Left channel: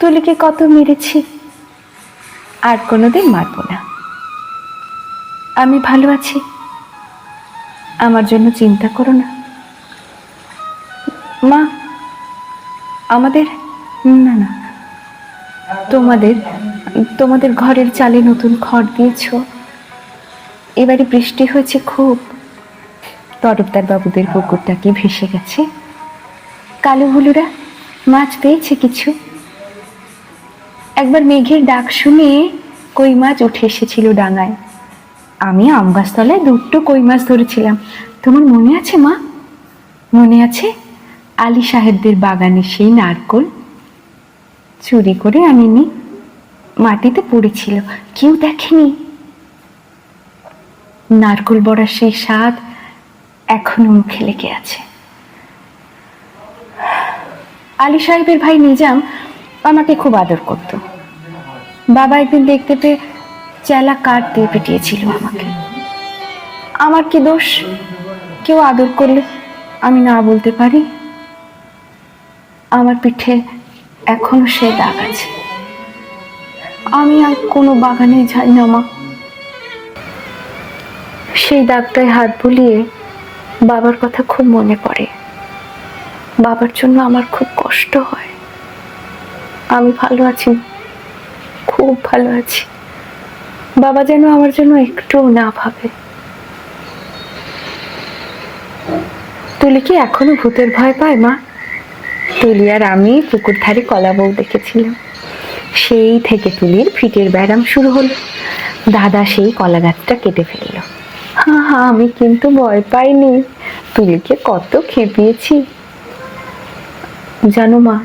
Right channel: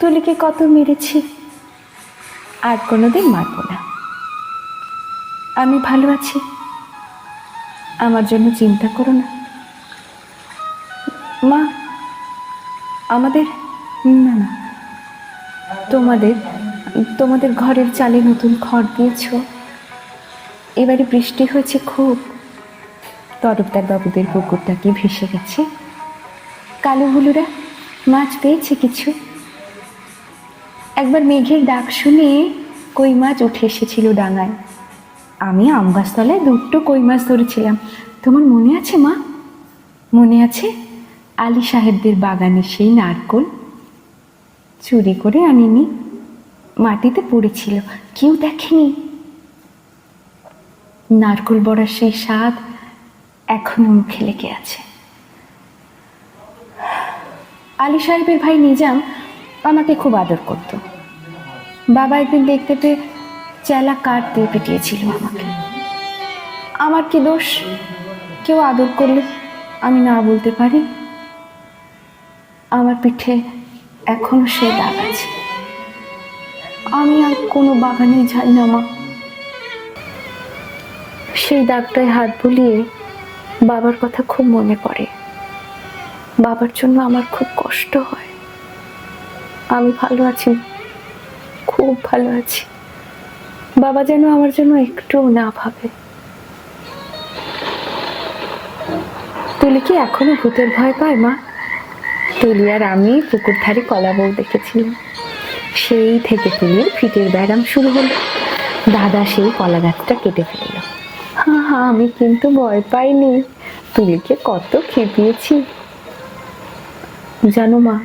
তুলিকে কত মেরেছি? আর কোনোদিন মারব না। আমি ভালো আছি। আমার জন্য চিন্তা করো না। মা, আমাদের, না না। তোমাদের তোমাদের ঘরের চালে নতুন খড় দিয়েছ। এবারে বৃষ্টি হয়েছে খুব। তরফদার বাবুদের পুকুরটা কি ভেসে গেছে? কালো হলুরা মাছ পেয়েছে কিছু? একবার মেঘের ডাক শুনে কই মাছ উঠে এসেছিল ডাঙায়। আমি আম গাছতলায় দুটো কই মাছ ধরেছিলাম। তোমার মনে আছে মা? মনে আছে? আলী সাহেবদের বাগানে সেই নারকোল চুরি করে আনিনি। মাটিতে পড়েছিল, কেউ দেখেনি। নারকোল বড়ার সেই স্বাদ এখনও মুখে লেগে আছে। আলী সাহেবের ভাই নিজাম আমাকে খুব আদর করত। বাবা একদিন দেখতে পেয়ে চেলা কাঠ দিয়ে পিটিয়েছিল আমাকে। আমার কি দোষ? কেউ আদর করলে আমি না বলতে পারি? আমার পিঠে এখনও সে দাগ আছে। আমি আর কোনো বাগানে যাই না, মা। সেই দাগটায় হাত বুলিয়ে বাবার কথা খুব মনে পড়ে। বাবার জন্য আমার খুব কষ্ট হয়। আমি ভালো আছি। খুব ভালো আছি। বাবা যেন আমার জন্য একটুও না ভাবে। তুলি কি এখনও ভূতের ভয় পায়, মা। তুলি আর আমি পুকুর ধারে কলা বউ দেখেছিলাম। সেই থেকে তুলির ফিটের ব্যায়াম শুরু হলো। দাদা সেই কলা গাছটা কেটে ফেলল। হ্যাঁ হ্যাঁ আমি কিন্তু ভয় পাইনি। তুলিকে কত খেপিয়েছি। জানো মা,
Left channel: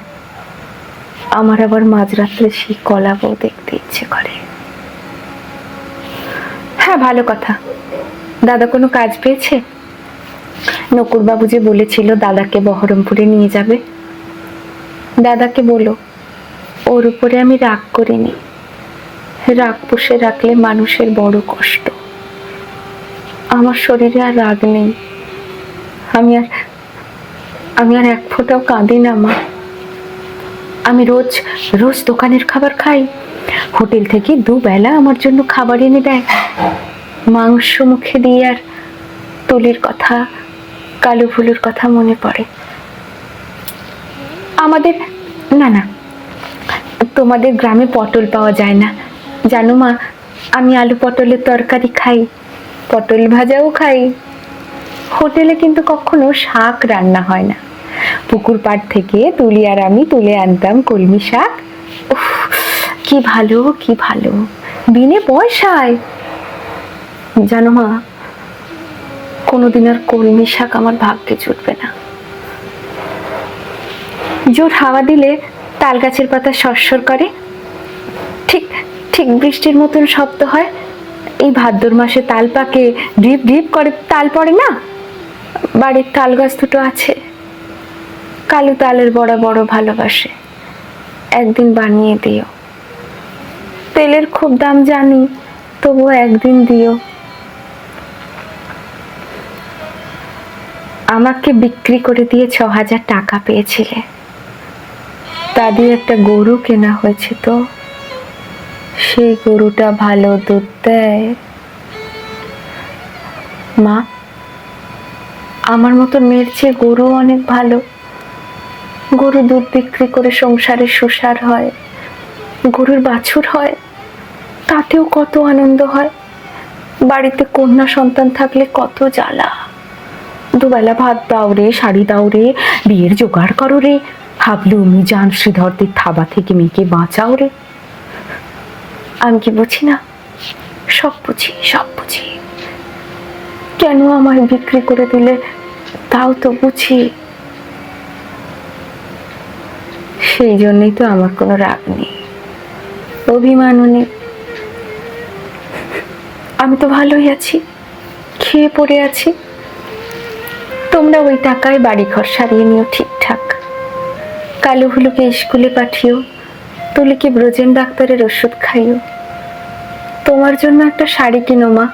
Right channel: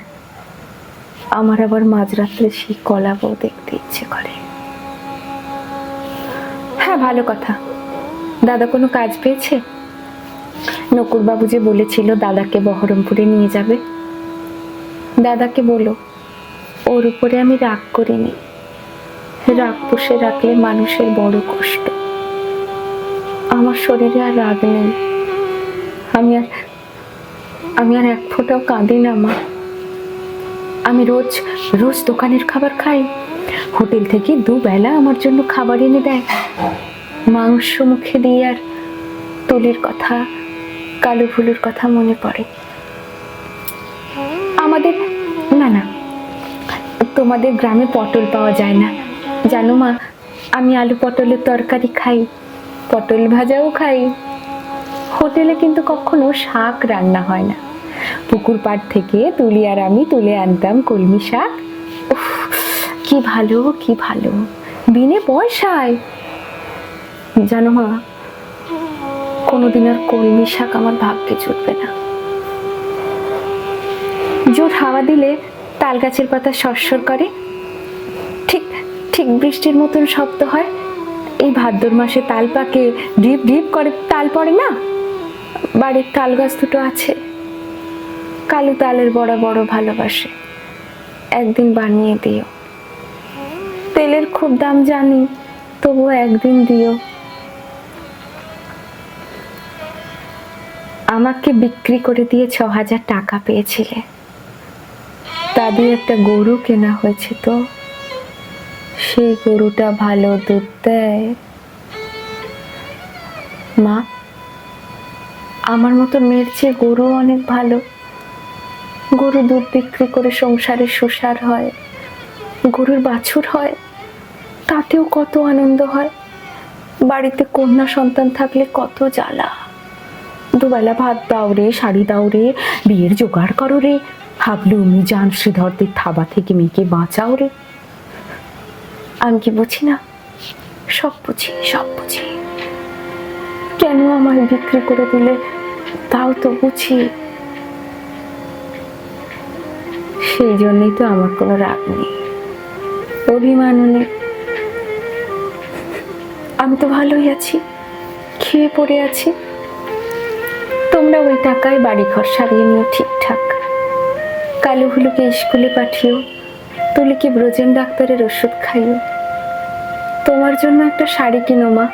আমার আবার মাঝরাত্রে সেই কলা বউ দেখতে ইচ্ছে করে। হ্যাঁ ভালো কথা। দাদা কোনো কাজ পেয়েছে? নকুরবাবু যে বলেছিল দাদাকে বহরমপুরে নিয়ে যাবে। দাদাকে বলো, ওর উপরে আমি রাগ করিনি। রাগ পুষে রাখলে মানুষের বড় কষ্ট। আমার শরীরে আর রাগ নেই। আমি আর আমি আর এক ফোঁটাও কাঁদি না, মা। আমি রোজ রোজ দোকানের খাবার খাই। হোটেল থেকে দুবেলা আমার জন্য খাবার এনে দেয়। মাংস মুখে দিয়ে আর তুলির কথা, কালো ফুলের কথা মনে পড়ে। আমাদের, না না, তোমাদের গ্রামে পটল পাওয়া যায় না। জানো মা, আমি আলু পটলের তরকারি খাই, পটল ভাজাও খাই। হোটেলে কিন্তু কখনো শাক রান্না হয় না। পুকুর পাড় থেকে তুলি আর আমি তুলে আনতাম কলমি শাক। কি ভালো কি ভালো। বিনে পয়সায়। জানো মা কোনোদিন আর কলমি শাক আমার ভাবতে জুটবে না। জোর হাওয়া দিলে তাল গাছের পাতা সরসর করে। ঠিক ঠিক বৃষ্টির মতন শব্দ হয়। এই ভাদ্র মাসে তাল পাকে ডিপ ডিপ করে তাল পড়ে না? বাড়ির তাল গাছ দুটো আছে। কালো তালের বড় বড় ভালোবাসে। একদিন বানিয়ে দিও। তেলের খুব দাম জানি, তবুও একদিন দিও। আমাকে বিক্রি করে দিয়ে ছ হাজার টাকা পেয়েছিলে। তা দিয়ে একটা গরু কেনা হয়েছে তো। সেই গরুটা ভালো দুধ দেয়। মা, আমার মতো মেয়ের চেয়ে গরু অনেক ভালো। গরু দুধ বিক্রি করে সংসারে সুসার হয়, গরুর বাছুর হয়। তাতেও কত আনন্দ হয়। বাড়িতে কন্যা সন্তান থাকলে কত জ্বালা। দুবেলা ভাত দাও রে, শাড়ি দাও রে, বিয়ের জোগাড় করো রে। হাবলু মিজান শ্রীধরদের থাবা থেকে মেয়েকে বাঁচাও রে। আমি কি বুঝি না? সব বুঝি সব বুঝি। কেন আমায় বিক্রি করে দিলে? তাও তো বুঝি। সেই জন্যই তো আমার কোনো রাগ নেই। অভিমানও নেই। আমি তো ভালোই আছি। খেয়ে পড়ে আছি। তোমরা ওই টাকায় বাড়ি ঘর সারিয়ে নিও ঠিকঠাক। কালো হুলুকে স্কুলে পাঠিও তুলিকে ব্রজেন ডাক্তারের ওষুধ খাইও। তোমার জন্য একটা শাড়ি কিনো মা।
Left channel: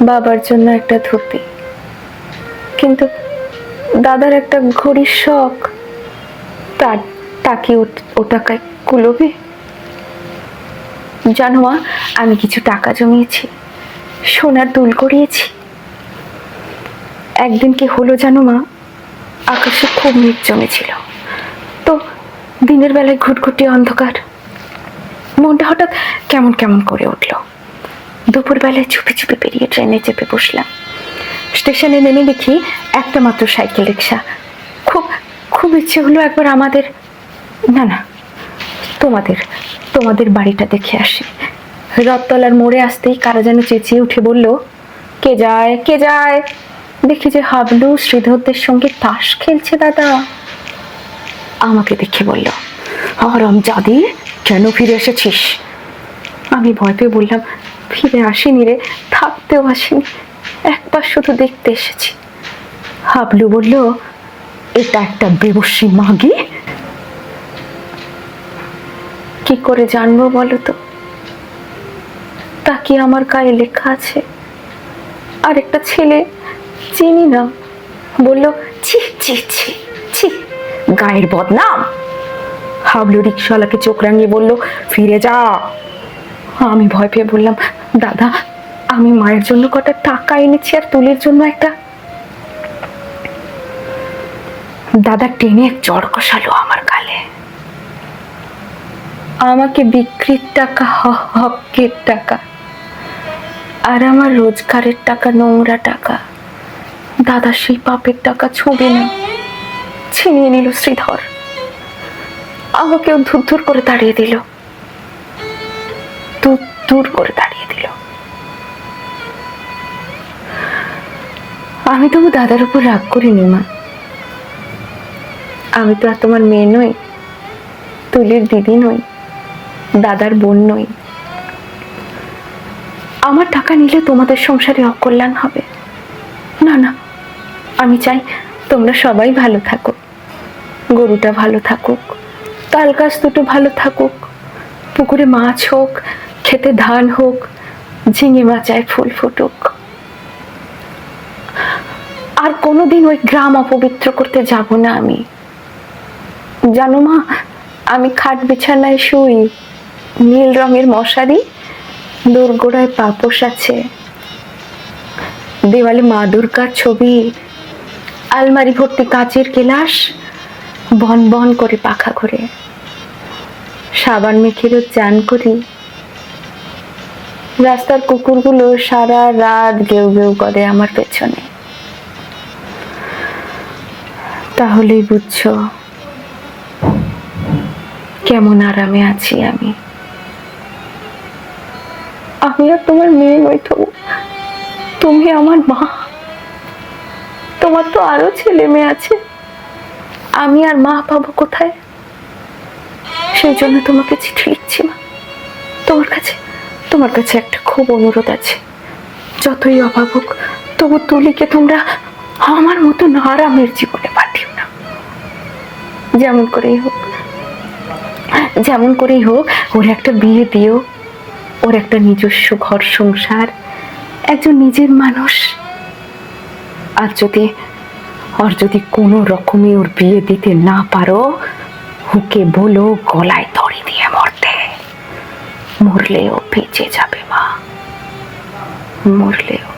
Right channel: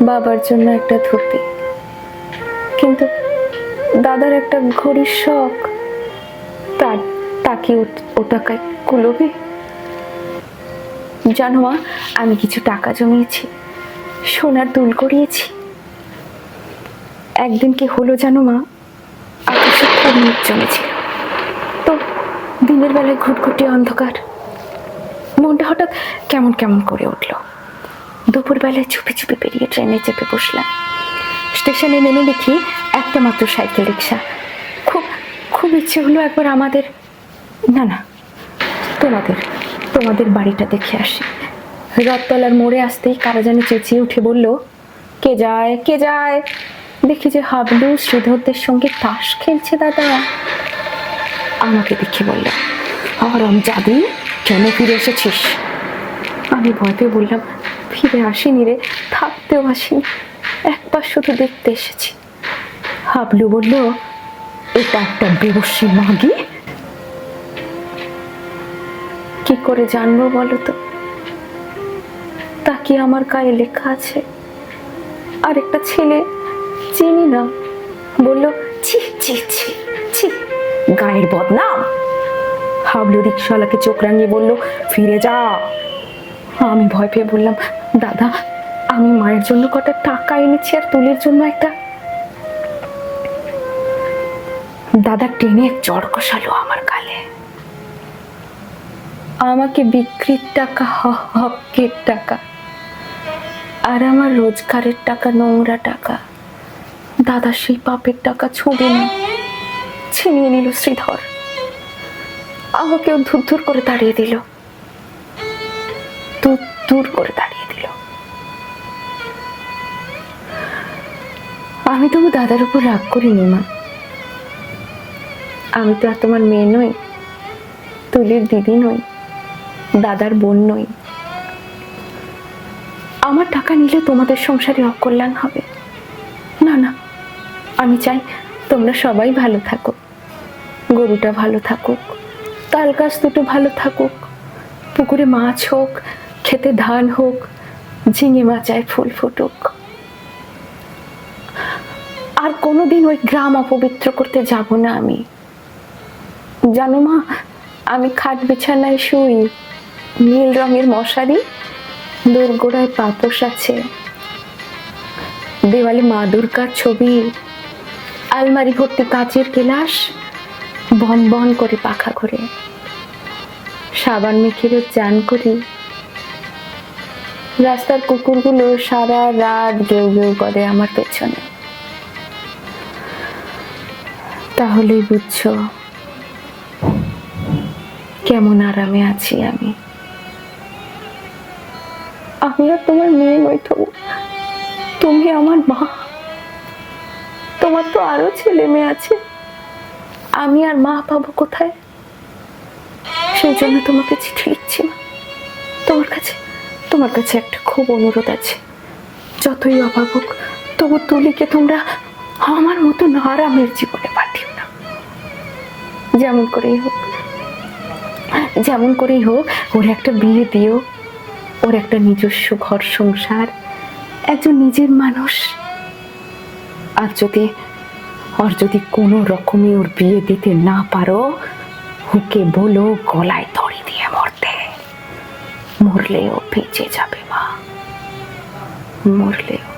বাবার জন্য একটা ধুতি। কিন্তু দাদার একটা ঘড়ির শখ। তার তাকে ও- টাকায় কুলোবে? জানো মা, আমি কিছু টাকা জমিয়েছি, সোনার দুল করিয়েছি একদিন কি হলো জানো মা, আকাশে খুব মেঘ জমেছিল। তো দিনের বেলায় ঘুটঘুটি অন্ধকার। মনটা হঠাৎ কেমন কেমন করে উঠল। দুপুরবেলায় চুপি চুপি পেরিয়ে ট্রেনে চেপে বসলাম। স্টেশনে নেমে দেখি একটা মাত্র সাইকেল রিক্সা খুব খুব ইচ্ছে হলো একবার আমাদের না না, তোমাদের। তোমাদের বাড়িটা দেখে আসি। রথতলার মোড়ে আসতেই কারা যেন চেঁচিয়ে উঠে বলল, কে যায় কে যায়? দেখি যে হাবলু শ্রীধরদের সঙ্গে তাস খেলছে দাদা। আমাকে দেখে বলল আরাম জাদি কেন ফিরে এসেছিস? আমি ভয় পেয়ে বললাম, ফিরে আসিনি রে, থাকতেও আসিনি। একবার শুধু দেখতে এসেছি। হাবলু বলল, এটা একটা বেবসী মাগি কি করে জানব বলো তো তা কি আমার গায়ে লেখা আছে। আর একটা ছেলে চিনি না। বলল, ছি ছি ছি ছি, গায়ের বদনাম। হাবলু রিক্সাওয়ালাকে চোখ রাঙিয়ে বলল, ফিরে যা। আমি ভয় পেয়ে বললাম, দাদা, আমি মায়ের জন্য কটা টাকা এনেছি আর তুলির জন্য একটা। দাদা টেনে চড় কষালো আমার গালে। আমাকে বিক্রির টাকা হকের টাকা আর আমার রোজগারের টাকা, নোংরা টাকা। দাদা সেই পাপের টাকা ছুঁবে না ছিনিয়ে নিল শ্রীধর। আমাকেও ধুর ধুর করে তাড়িয়ে দিল। দূর দূর করে তাড়িয়ে দিল। আমি তবু দাদার উপর রাগ করিনি, মা। আমি তো আর তোমার মেয়ে নই, তুলির দিদি নই। দাদার বোন নই। আমার টাকা নিলে তোমাদের সংসারে অকল্যাণ হবে। না না, আমি চাই তোমরা সবাই ভালো থাকো। গরুটা ভালো থাকুক, তাল গাছ দুটো ভালো থাকুক, পুকুরে মাছ হোক, খেতে ধান হোক, ঝিঙে মাচায় ফুল ফুটুক। আর কোনোদিন ওই গ্রাম অপবিত্র করতে যাব না আমি। জানো মা, আমি খাট বিছানায় শুই নীল রঙের মশারি, দোরগোড়ায় পাপোশ আছে। দেওয়ালে মা দুর্গার ছবি, আলমারি ভর্তি কাচের গেলাস বন বন করে পাখা করে সাবান মেখে চান করি। রাস্তার কুকুরগুলো সারা রাত গেউ গেউ করে আমার পেছনে। তাহলেই বুঝছ, কেমন আরামে আছি আমি। আমি আর তোমার মেয়ে নই তবু। তুমি আমার মা। তোমার তো আরও ছেলে মেয়ে আছে। আমি আর মা পাবো কোথায়? সেই জন্য তোমাকে চিঠি লিখছি মা। তোমার কাছে তোমার কাছে একটা খুব অনুরোধ আছে। যতই অভাব হোক, তবু তুলিকে তোমরা আমার মতো আরামের জীবনে পাঠিও না। যেমন করেই হোক, যেমন করেই হোক, ওর একটা বিয়ে দিও। ওর একটা নিজস্ব ঘর সংসার, একজন নিজের মানুষ। আর যদি আর যদি কোনো রকমে ওর বিয়ে দিতে না পারো, ওকে বলো গলায় দড়ি দিয়ে মরতে। মরলেও বেঁচে যাবে মা। মরলেও।